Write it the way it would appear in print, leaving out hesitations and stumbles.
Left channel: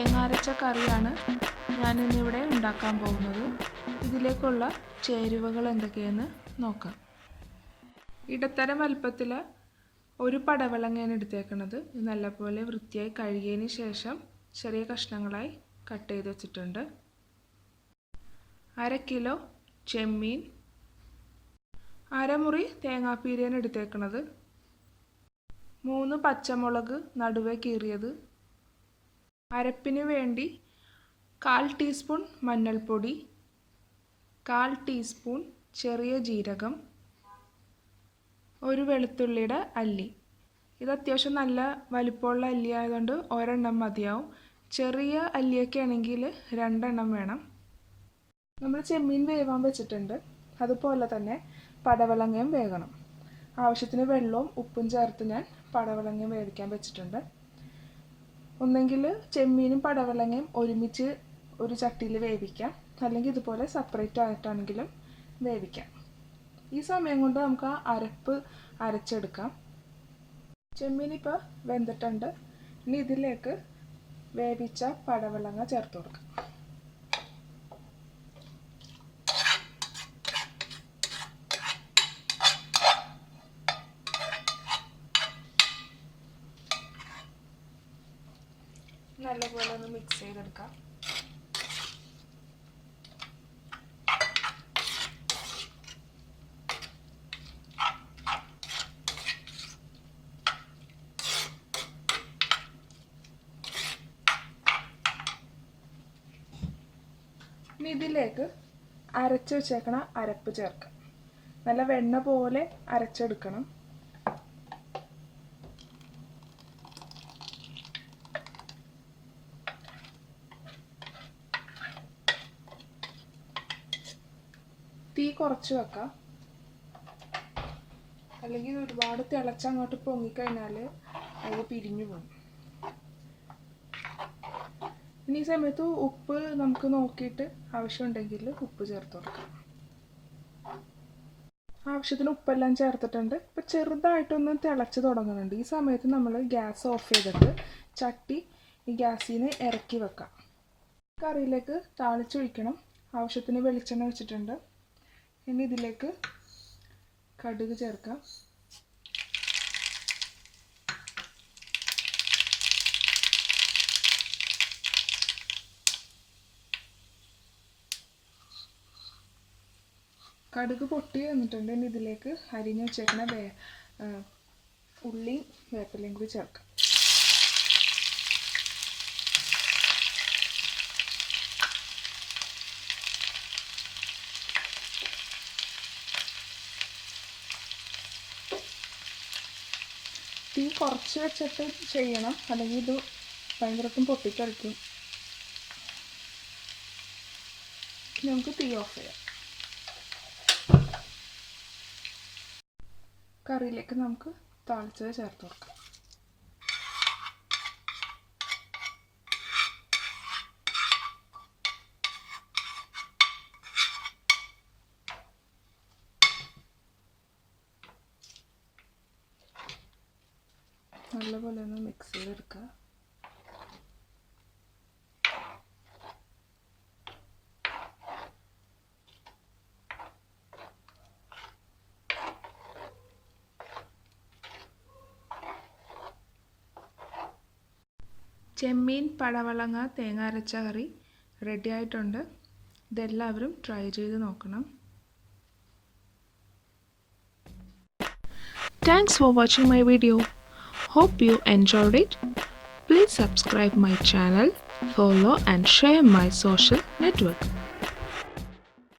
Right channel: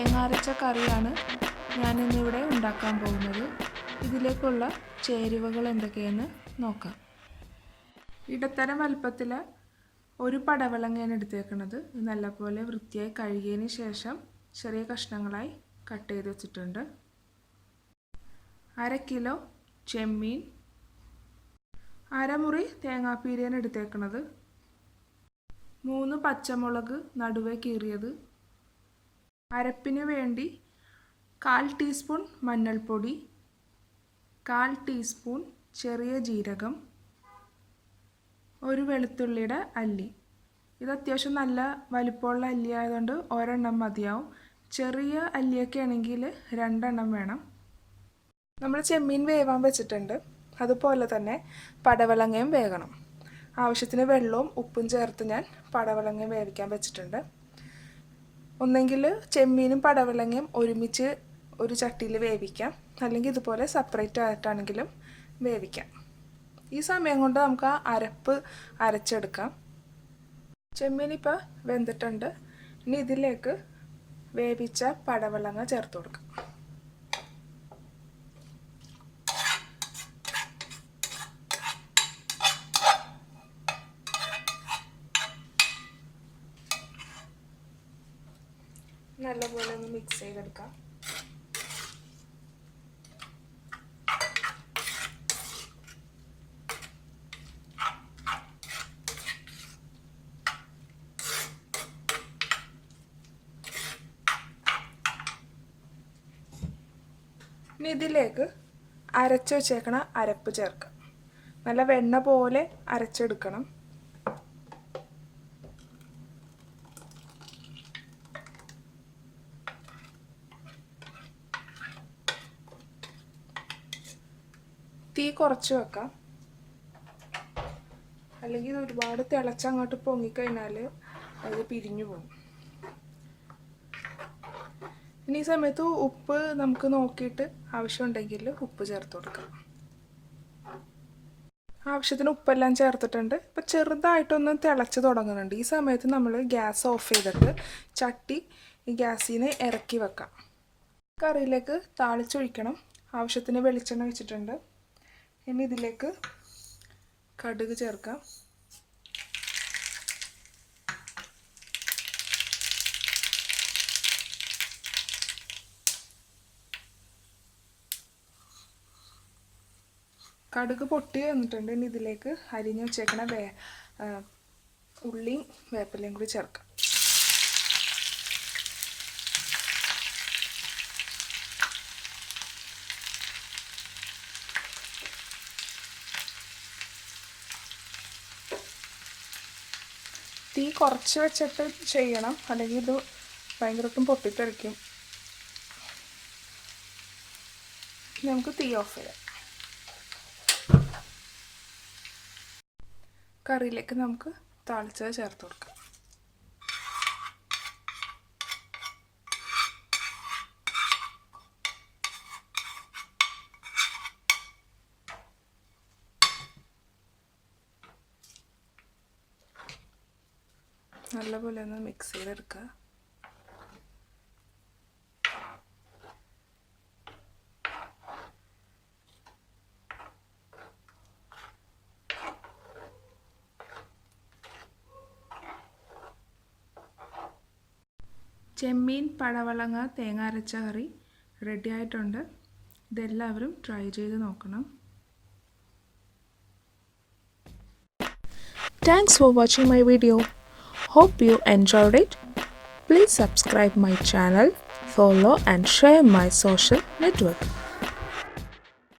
തേങ്ങാരച്ച കറിയാണ് ഞാനിന്നിവിടെ ഉണ്ടാക്കാൻ പോകുന്നത്. ഇതിലേക്കുള്ള ചേരുവകൾ എന്തൊക്കെയെന്ന് നോക്കാം. ഇടത്തരം വലുപ്പത്തിൽ ഒരു പടവലങ്ങയാണ് എടുത്തേക്കുന്നത്. ഇത് നല്ലപോലെ വൃത്തിയായി കഴുകിയതിന് ശേഷം ചെറിയ കഷ്ണങ്ങളായി കട്ട് ചെയ്ത് വെച്ചിട്ടുണ്ട്. 1/2 കിലോ ചെമ്മീൻ, 1/2 മുറി തേങ്ങാപ്പീരയാണ് എടുത്തേക്കുന്നത്. 3 പച്ചമുളക് നടുവേ കീറിയത്, അരപ്പിന് വേണ്ടി 1/4 ടീസ്പൂൺ മഞ്ഞൾപ്പൊടി, 1/4 ടീസ്പൂൺ ചെറിയ ജീരകം, ഒരു വെളുത്തുള്ളിയുടെ അല്ലി. ഇത് അത്യാവശ്യം നല്ല വലിപ്പമുള്ള അല്ലി ആയതുകൊണ്ട് ഒരെണ്ണം മതിയാവും. ചെറിയ അല്ലിയൊക്കെ ആണെങ്കിൽ 2 എണ്ണം വേണം. നമ്മൾ ചെമ്മീൻ വേവാൻ വെച്ചിട്ടുണ്ട്. അതുപോലെ തന്നെ പടവലങ്ങയും വേകണം. ആവശ്യത്തിന് വെള്ളവും ഉപ്പും ചേർത്ത് ഞാൻ പടവലങ്ങയും വേവിക്കാൻ വെച്ചിട്ടുണ്ട്. ഒന്നെങ്കിൽ ചെമ്മീനും പടവലങ്ങയും ഒരുമിച്ച് ഒരു ചട്ടിയിൽ വേവിക്കാം, അല്ലെങ്കിൽ ഇതുപോലെ സെപ്പറേറ്റ് ആയിട്ടാണെങ്കിലും വേവിക്കാം. ഈ സമയം കൊണ്ട് നമുക്ക് ആ അരപ്പ് അരച്ചെടുക്കാം. ചെമ്മീൻ ഇപ്പോൾ വെന്തിട്ടുണ്ട്. ഇനി ഇതിലേക്ക് വേവിച്ച പടവലങ്ങ ചേർത്ത് കൊടുക്കാം. നല്ലപോലെ ഒന്ന് മിക്സ് ചെയ്തെടുക്കാം. ഇനി ഇതിലേക്ക് അരച്ച് വെച്ചേക്കണ അരപ്പ് ചേർക്കാം. നല്ല വെണ്ണ പോലെ അരച്ചെടുക്കണം. തീ കുറച്ച് വെക്കാം, അല്ലെങ്കിൽ ഇത് ഒരുപാട് തിളച്ചങ്ങോട്ട് പൊങ്ങിക്കഴിഞ്ഞാൽ അത് പിരിഞ്ഞു പോകും. ഇനി ഈ സമയത്ത് ഉപ്പ് നമുക്ക് നോക്കിയിട്ട് ആവശ്യമുണ്ടെങ്കിൽ ഉപ്പ് ചേർത്ത് കൊടുക്കാം. ആവശ്യത്തിന് ഉപ്പെല്ലാം ചേർത്തിട്ടുണ്ട്. ഇപ്പം ചെറുതായിട്ടൊന്ന് തിളച്ച് തുടങ്ങുന്നുണ്ട്. ഈ സമയത്ത് നമ്മൾ ഗ്യാസ് ഓഫ് ചെയ്തിട്ട് ചട്ടി ഈ ഗ്യാസിൽ നിന്ന് ഇറക്കി വെക്കാം. കറിയിലേക്ക് താളിച്ചൊഴിക്കണം. ആവശ്യത്തിന് വെളിച്ചെണ്ണ വെച്ചിട്ടുണ്ട്. ഇനി ഇതിലേക്ക് കടുക് ചേർക്കാം. കടുക് പൊട്ടി വന്നിട്ടുണ്ട്. ഇനി ഇതിലേക്ക് അരിഞ്ഞു വെച്ചേക്കണ ഉള്ളിയും വേപ്പിലയും കൂടി ചേർക്കാം. തീ കുറച്ച് വെച്ചിട്ട് ചെയ്യണം, അല്ലെങ്കിൽ ഇത് ഭയങ്കരമായിട്ടും പൊട്ടിത്തെറിക്കും. നമുക്ക് തീ ഓഫ് ചെയ്യാം. കറിയിലേക്ക് നമുക്ക് താളിച്ചത് ചേർത്ത് കൊടുക്കാം. നല്ലപോലെ ഒന്ന് മിക്സ് ചെയ്തെടുക്കുക. ചെമ്മീൻ പടവലങ്ങ തേങ്ങ അരച്ച കറി റെഡി ആയിട്ടുണ്ട്. ഇതെല്ലാവരും ട്രൈ ചെയ്ത് നോക്കണം. Thanks for watching my video. Hope you enjoyed it. Please subscribe my channel, follow and share my social network.